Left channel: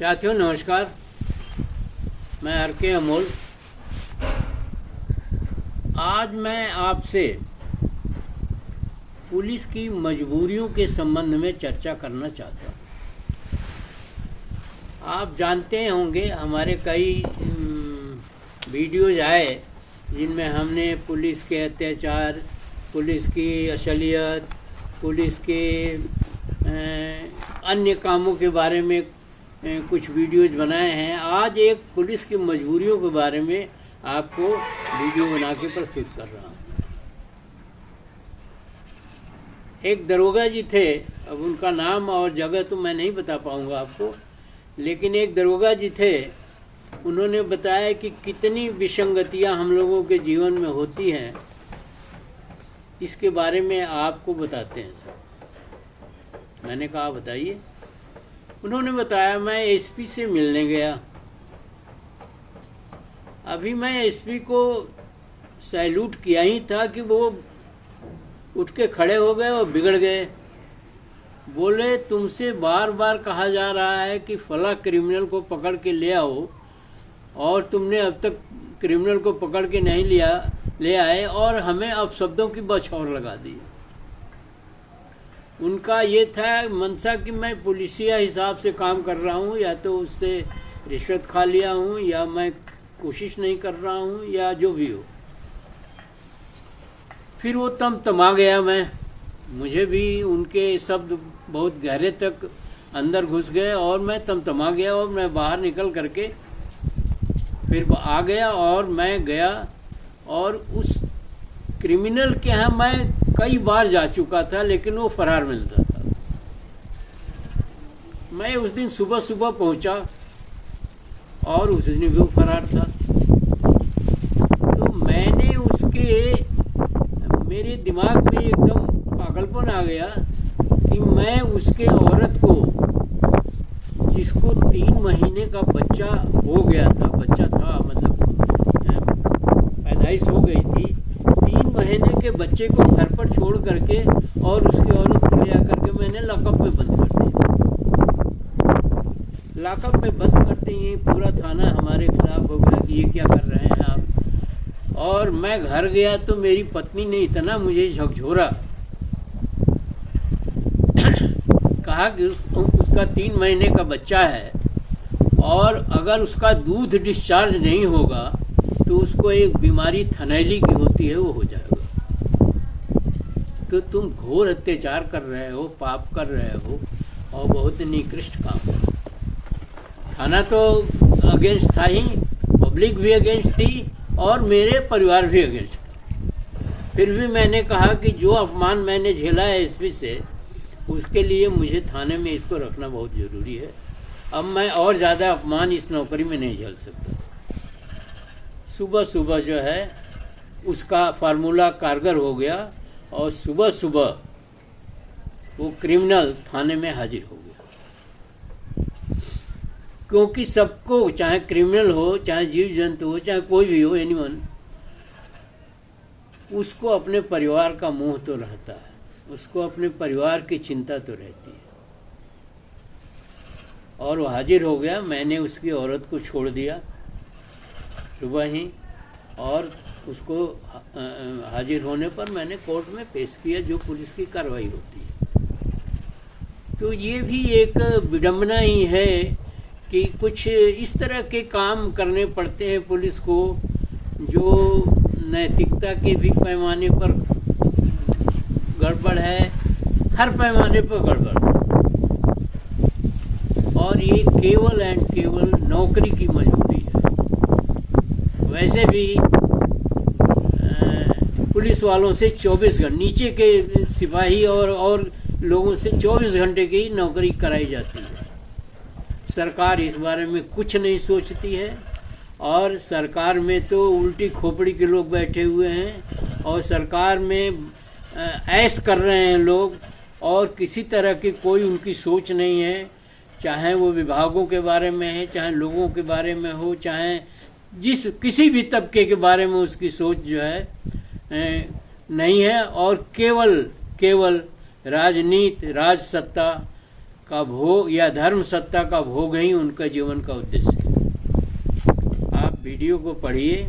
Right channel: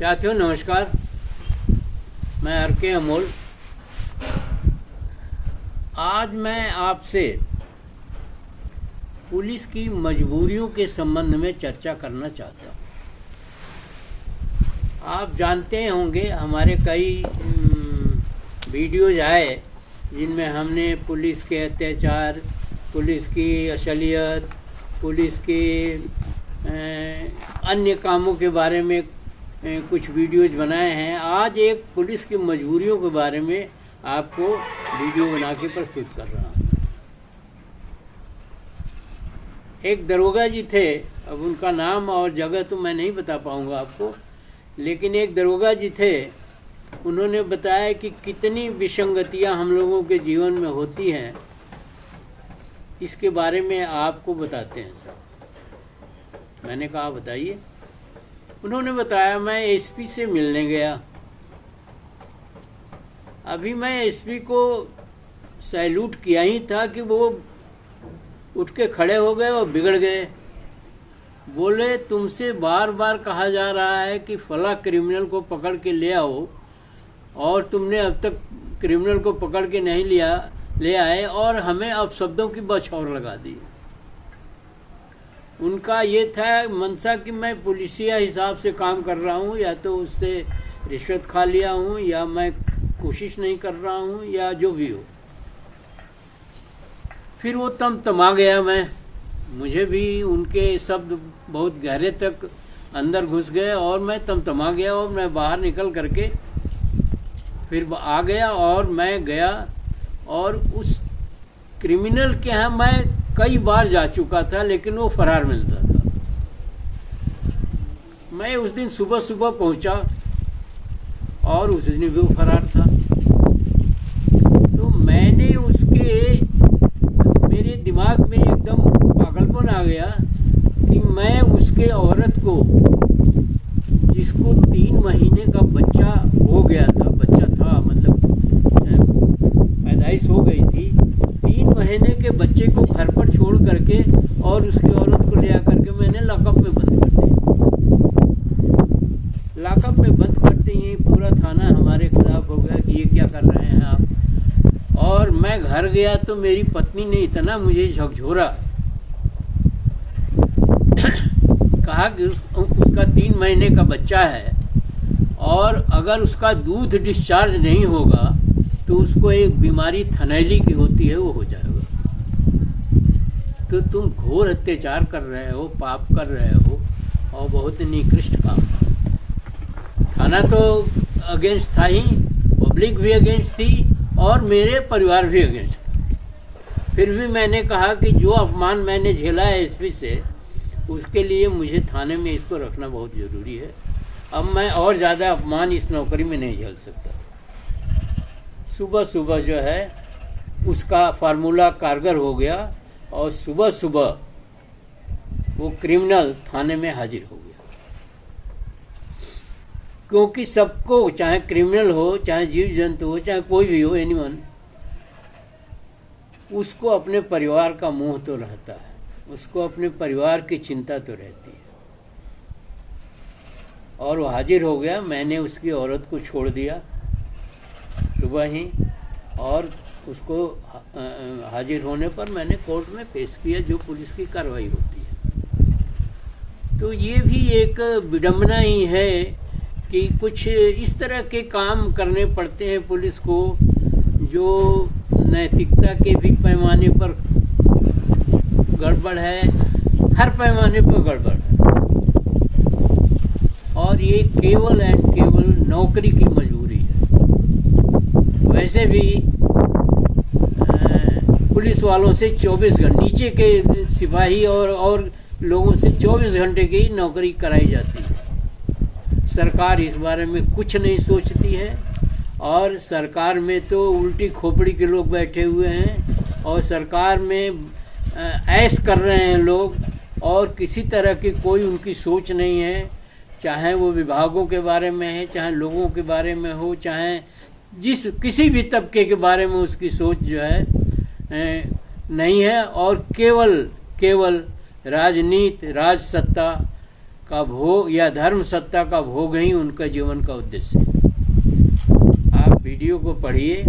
साथियों नमस्कार, मैं आर.के. अमोल। आज मैं आपसे पुलिस की मजबूरियों के संबंध में चर्चा करना चाहता हूँ। आप जानते होंगे हमारे कई वीडियोज आए जिनमें हमने पुलिस के अत्याचार, पुलिस की असलियत, पुलिस के अन्य कामों के बारे में कुछ वीडियोज बनाए हैं। आज एक पुलिस की मजबूरियों के बारे में आपको वीडियो बना के प्रस्तुत कर रहा हूँ। एक दरोगा जी थे, अब उनका नाम और जगह तो मैं नहीं बता पाऊँगा आपको, लेकिन एक दरोगा जी थे। उन्होंने बताया कि कितनी विसंगतियाँ हम लोगों के जीवन में होती हैं, इसके बारे में आपको बताते हैं सर। मैंने कहा बताइए। उन्होंने बताया, मैं एसपी से मिलने गया। अभी मैं एसपी को सैल्यूट किया ही था कि वो उठ के खड़े हो गए और बिगड़ गए। बोले, तुमसे बार बार कहा जा रहा है कि फला क्रिमिनल को पकड़ के ले आओ, और तुमने अब तक क्रिमिनल को पकड़ के नहीं ले आए, और हमें अब शब्दों की बौछार लगा दी। उनका ये था मनसा कि मैं पुलिसिया हिसाब से काम कर रहा हूँ, या तो उससे रिश्वत खा लिया हूँ, या मैं कोशिश नहीं कर रहा हूँ, या जो भी हो। फिर वो तमा गया। मुझे भी उनके शब्द बहुत गहरे तक अंदर घुस गए, और मैं तमा गया, और मैं बाहर निकल करके फिर आ गया। और मैं गया, और उस क्रिमिनल के यहाँ मैं कई बार जा चुका था, लेकिन वो फरार मिलता था। मैं उस दिन सुबह सुबह पहुंचा, और उस दिन भी वो फरार था। तो मैंने मेरे दिमाग में एकदम पागलपन आ गया कि मैं उसके औरत को, जिसको 3 महीने का बच्चा हो गया था, मतलब पैदाइश हो गई थी, 3 महीने के बच्चे को घर पर छोड़ करके और उसकी औरत को ले आकर के मैंने लॉकअप में बंद कर दिया। लॉकअप में बंद करते ही पूरा थाना हमारे खिलाफ हो गया कि ये क्या कर रहे हैं आप। और मैं घर गया तो मेरी पत्नी ने इतना मुझे झकझोरा, कहा कि उसका 3 महीने का बच्चा है, और अगर उसका दूध डिस्चार्ज नहीं होगा तो उसको एक बीमारी थनैली की होती है, वो हो जाएगा। तो तुम घोर अत्याचार कर रहे हो, पाप कर रहे हो, और बहुत निकृष्ट काम है। थाना तो अगेंस्ट था ही, पब्लिक भी अगेंस्ट थी, और मेरे परिवार भी अगेंस्ट था। फिर भी मैंने कहा कि जो अपमान मैंने झेला है एसपी से, उसके लिए मुझे थाने में इसको रखना बहुत ज़रूरी है। अब मैं और ज़्यादा अपमान इस नौकरी में नहीं झेल सकता। सुबह सुबह जो है उसका फार्मूला कारगर हो गया, और सुबह सुबह वो क्रिमिनल थाने में हाजिर हो गया। क्योंकि सबको, चाहे क्रिमिनल हो, चाहे जीव जंतु हो, चाहे कोई भी हो, एनीवन, उसको अपने परिवार का मोह तो रहता है, उसको अपने परिवार की चिंता तो रहती है। और वो हाजिर हो गया। मैंने उसकी औरत को छोड़ दिया सुबह ही, और उसको हाजिर होने पर मैंने कोर्ट में पेश किया, जो पुलिस की कार्रवाई होती है। तो ये भी एक विडंबना ही है कि कुछ इस तरह के काम करने पड़ते हैं पुलिस को, जो नैतिकता के भी पैमाने पर गड़बड़ है, हर पैमाने पर गड़बड़। और ये केवल एंड केवल नौकरी की मजबूरी है। वैसे भी पुलिस वालों से 24 घंटे, नीचे के सिपाही और लोगों से 24 घंटे की नौकरी कराई जाती है। सरकार इस बारे में कुछ नहीं सोचती है, और सरकार में तो उल्टी खोपड़ी के लोग बैठे हुए हैं, और सरकार में ऐश कर रहे हैं लोग, और किसी तरह की कोई उनकी सोच नहीं है। चाहे वो विभागों के बारे में है, चाहे लोगों के बारे में हो, चाहे किसी भी तबके के बारे में उसकी सोच जो है नहीं है। और केवल राजनीति, राजसत्ता का भोग या धर्म सत्ता का भोग ही उनका जीवन का उद्देश्य है। आप वीडियो को पढ़िए,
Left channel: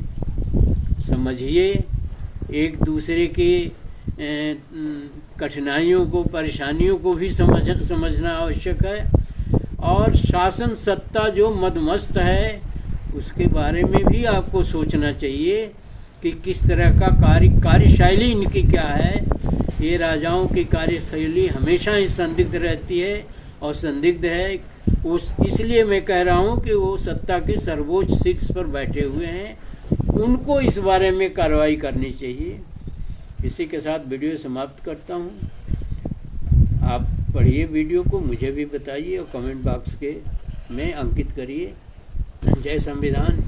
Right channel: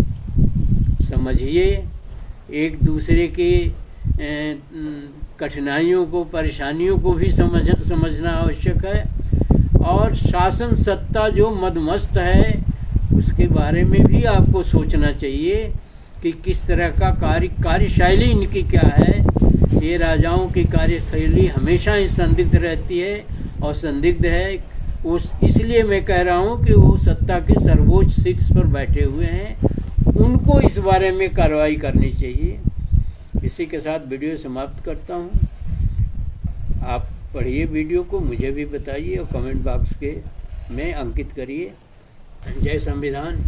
समझिए, एक दूसरे के कठिनाइयों को, परेशानियों को भी समझना आवश्यक है। और शासन सत्ता जो मदमस्त है उसके बारे में भी आपको सोचना चाहिए कि किस तरह का कार्यशैली इनकी क्या है। ये राजाओं की कार्यशैली हमेशा ही संदिग्ध रहती है और संदिग्ध है। इसलिए मैं कह रहा हूँ कि वो सत्ता के सर्वोच्च शीर्ष पर बैठे हुए हैं, उनको इस बारे में कार्रवाई करनी चाहिए। इसी के साथ वीडियो समाप्त करता हूँ। आप पढ़िए वीडियो को, मुझे भी बताइए और कमेंट बॉक्स में अंकित करिए। जय संविधान।